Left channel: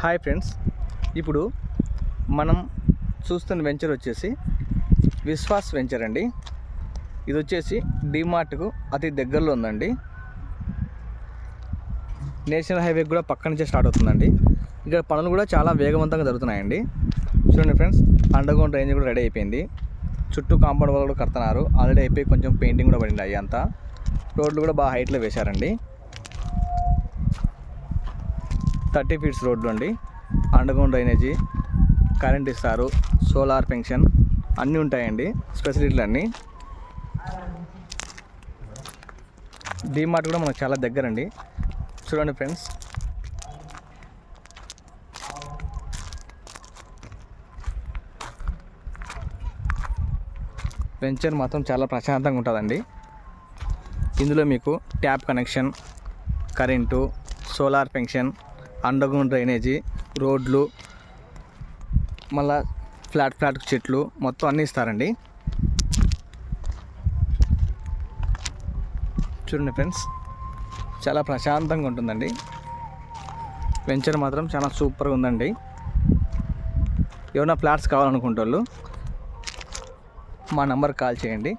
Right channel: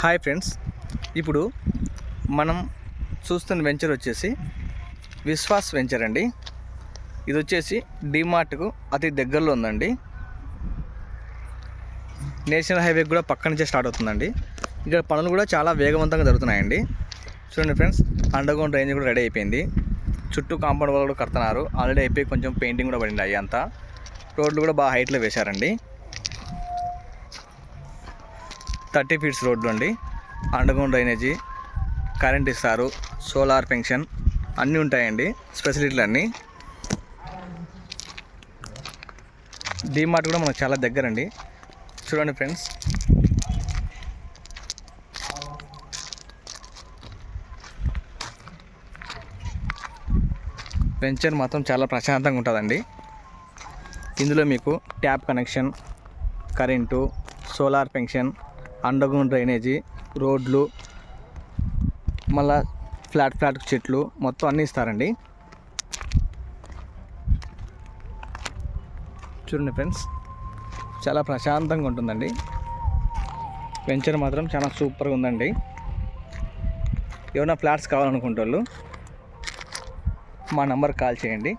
Hi friends, ఇప్పుడు మనం చూస్తున్న వెంచర్ వచ్చేసి విశ్వాస్ వెంచర్ అండి. ఇది వచ్చేసి డిమార్ట్కు అతి దగ్గరలో ఉందండి. నేషనల్ హైవే కూడా పక్క నుంచే స్టార్ట్ అవుతుందండి. ఇక్కడ పనులు కూడా చాలా వేగవంతంగా జరుగుతున్నాయండి. చూడండి ఫ్రెండ్స్, అండర్గ్రౌండ్ డ్రైనేజ్ కూడా రెడీ అయిపోయింది. చుట్టూ కాంపౌండ్ వాళ్ళు కూడా కడుతున్నారు. ఆల్రెడీ అయిపోయి కొంచెం పెయింటింగ్ కూడా పడింది. అంతా రోడ్లు కూడా బాగా హైట్లో వేశారండి. 30 ఫీట్స్ రోడ్లు అండి. అండర్గ్రౌండ్ డ్రైనేజీ, కరెంట్ ఇస్తారు, సోలార్ పెన్షన్ అన్నీ ఉంటాయండి. ఫెసిలిటీలు అన్నీ. డీమార్ట్ కూడా మనకు చాలా దగ్గరండి. చూడండి ఫ్రెండ్స్, వెంచర్ మాత్రం చాలా ప్రశాంతంగా ఉంటుందండి. ఇందులో మీకు tap connection, current, solar pension, underground drainage, రోడ్లు, మళ్ళా ఫ్లాట్ చెట్లు మొత్తం అన్నీ ఇస్తారండి. చూడండి ఫ్రెండ్స్, చాలా ప్రశాంతంగా ఉంటుందండి. వెంచర్ మాత్రం చాలా సూపర్గా ఉందండి. ఏమైనా ఫ్లాట్స్ కావాలనుకుంటే వాళ్ళు మా నంబర్ కాల్ చేయండి.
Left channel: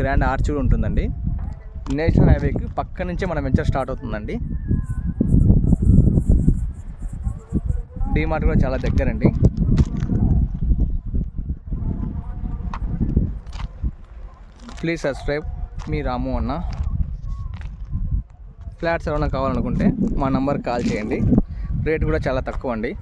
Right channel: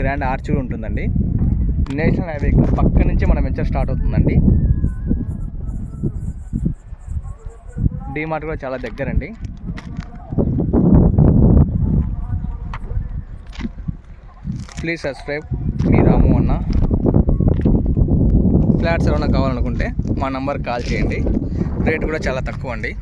గ్రాండ్ ఆర్చ్ కూడా ఉంటుందండి. నేషనల్ హైవే పక్క నుంచి మన వెంచర్ స్టార్ట్ అవుతుందండి. డీమార్ట్ కూడా చాలా దగ్గరండి. Please subscribe. మీ రాము అన్న. ఫ్లాట్స్ ఏమైనా కావాలనుకుంటే మా నంబర్ కాల్ చేయండి. రేట్ కూడా చాలా తక్కువ అండి.